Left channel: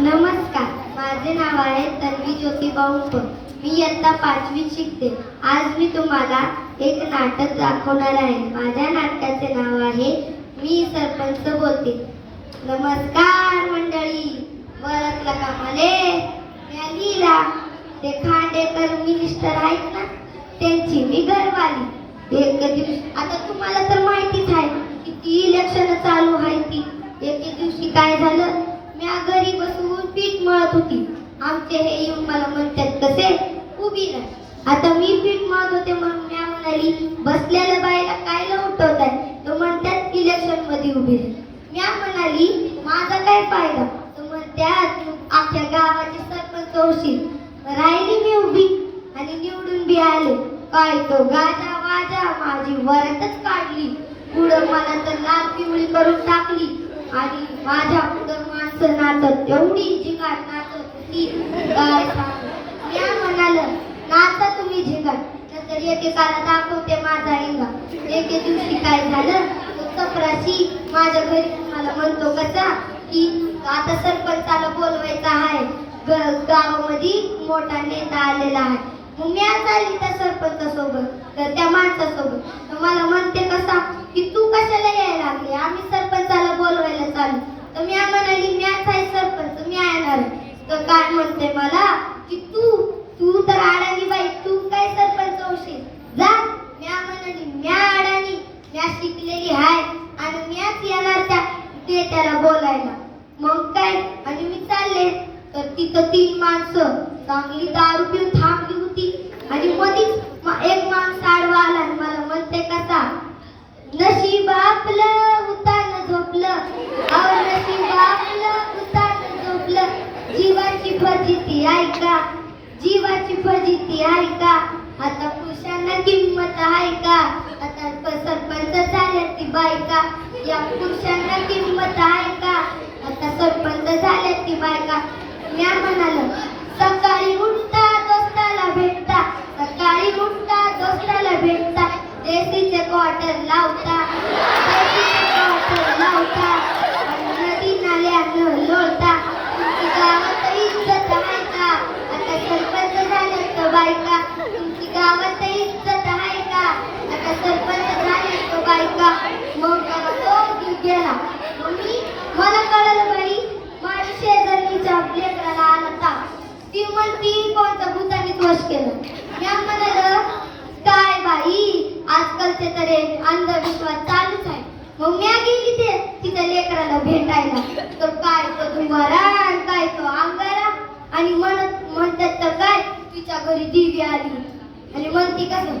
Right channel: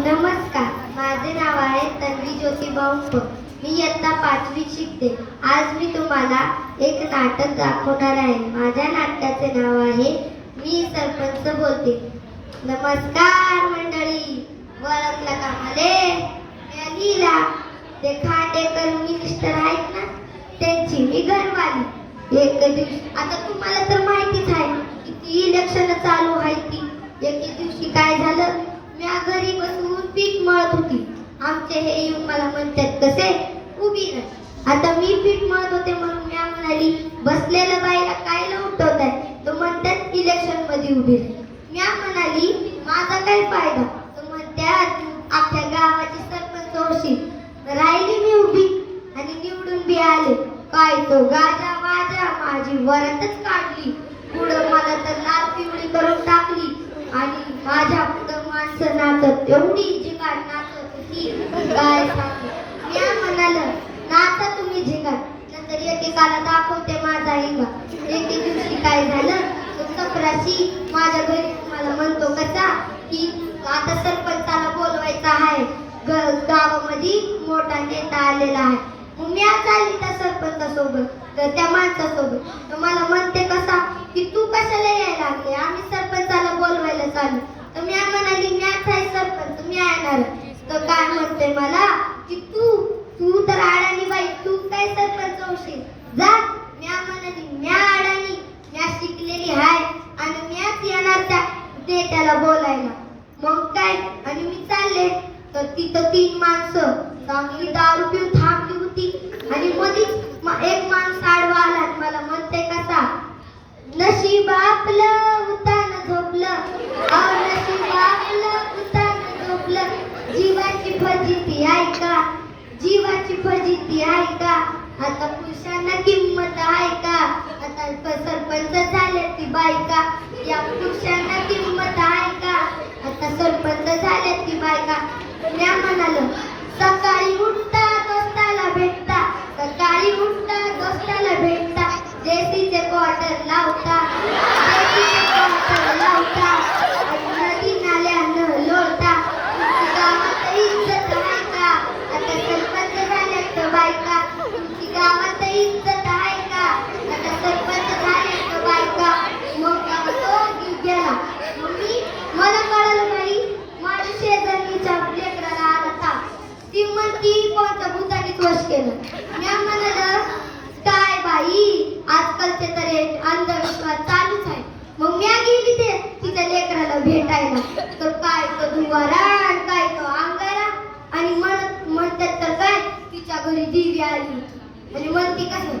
नमस्कार, माझे नाव आहे तन्वी ज्योतिबा उप. मी इयत्ता 5वी शिकते. आज मी तुम्हाला एक नाटक दाखवणार आहे. माझ्या नाटकाचे नाव आहे मी सरपंच बोलते. नमस्कार मंडळी, ओळखला का मले? लीला, ते खांडेकर मिनिस्टर आहेत ना, त्यांची मी घरवाली. एक दिवशी, आता तुम्हाला तर माहितीच आहे किती इलेक्शन चालू आहे ती. एके दिवशी काय झालं, मी घरी बसून पीठ मळत होती. आमचे हे येऊन मला म्हणतात, कसे उभी राह. आता मी पीठ मळत होते म्हणून मी म्हणाली, बसलेल्या बाईला कायला उठवत आहे? तो म्हणतात इलेक्शन मध्ये उभी राह. मी म्हणाली, माझा काय फायदा? तो म्हणतात, आपल्या गावाची सरपंच होशील. राहिली मी उभी आणि निवडून बी आले. काय तो गाजा वाजा माझी वरातच काढली. पुढं मला तर लाल पिवळी करून टाकली आणि माझ्या पुढं माणसं नाचत एवढी झिंगाट नाचत होती, काय सांगू. मी म्हणालं, नाचा तुम्ही झिंगाट, नंतर एकेकाला दाखवते माझा हिंगा. एके दिवशी काय झालं, तो चपराशी माझ्या घरी मला म्हणतो कसा की आता सरपंचाला बोलवायचा आहे, गावामध्ये मोठा नेता आलेला आहे. मग मी चालली त्या सरपंचासोबत, तर त्या माणसासोबत. तर मला म्हणते कसा की तू कशाला यायला लागली, आम्ही सरपंचाला बोलवायला चालू. तर मी म्हणाली, मी आहे सरपंच, मी येणार. तर काय म्हणते मला की तू तू तर अडाणी बाई, तू काय सरपंच होशील, जा. मी म्हणाली, मी अडाणी, मी शिकलेली आहे आणि मीच येणार त्या नेत्याला बोलायला. मग काय, आणि मी चालले. तर तिथं 3 माणसं चांगली दारू पिऊन थांबली होती आणि मधीच एक माणूस आडवा आला आणि मला म्हणते कसा, नशीब आपलं उतान झोपलं, नशीब आपलं उतान झोपलं, जीवाची फजिती आहे का, जीवाची फजिती आहे का, आता पुरुषांना किंमत आहे का, आता सरपंच झाले ती बायका, या पुरुषांना किंमत आहे का, आता सरपंच झाले ती बायका. मी म्हणालो, सकाळी उठता दोस्ताला भेटता, सकाळी उठता दोस्ताला भेटता, जेसीचे क्वार्टर लावता, जेसीचे क्वार्टर लावता, नदी नाल्यानं लोळता, तुमची गावात इज्जत आहे का, आता सरपंच झाले तर बायका, तुमची गावात इज्जत आहे का, आता सरपंच झाले तर बायका. मग तो गेला. मग मला कळलं बाई, माझ्या शेजारीच्या लेकराला आला ताप. ती म्हणती कोणत्या भूतानीच वश केलं. मी म्हणालं, काय बाई, आजकालचे तर अंधविश्वास चालूच आहे. मग मी गेली ते तिच्या लेकराला भेटायला. तर काय तो दुवारा, काय तो अंगारा, आणि म्हणतात तर काय तिच्या घरी दिवी आली आणि म्हणती कसं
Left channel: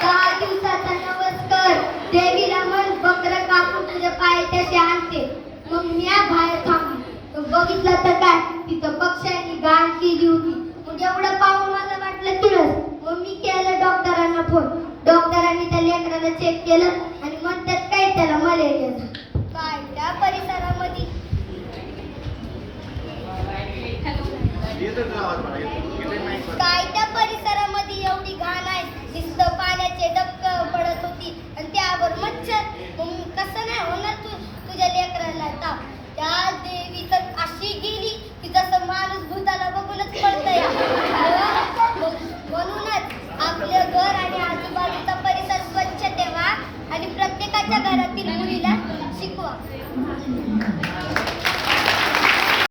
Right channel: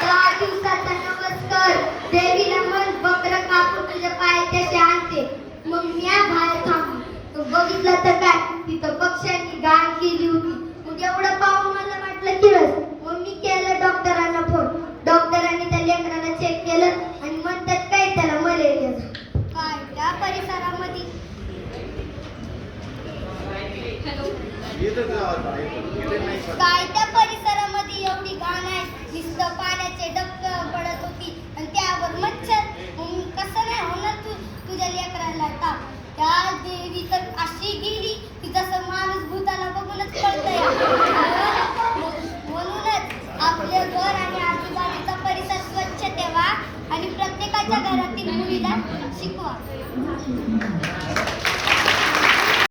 10 दिवसाचा नमस्कार देवीला म्हण, बकरं कापून तुझ्या पायाशी आणते. मग मी बाहेर थांबली. तर बघितलं तर काय, तिथं पक्ष्यांनी गाण केली होती. मग एवढं पाहून मला वाटलं किळस. मग मी केलं डॉक्टरांना फोन. डॉक्टरांनी त्या लेकराला चेक केलं आणि म्हणतात काय त्याला मलेरिया. काय त्या परिसरामध्ये काय त्या परिसरामध्ये एवढी घाण आहे, नुसतं पाण्याचे डबकं पडत होती आणि त्यावर मच्छर. कसं नाही होणार तुझ्या लेकराला ताप. त्या देवी तर अशी गेली की जसं माणूस भूताला बघूनच कळतंय. म्हणूनच आपले घर आणि आजूबाजूचा परिसर स्वच्छ ठेवा आणि प्रत्येकाच्या घरातील मुलीला शिकवा.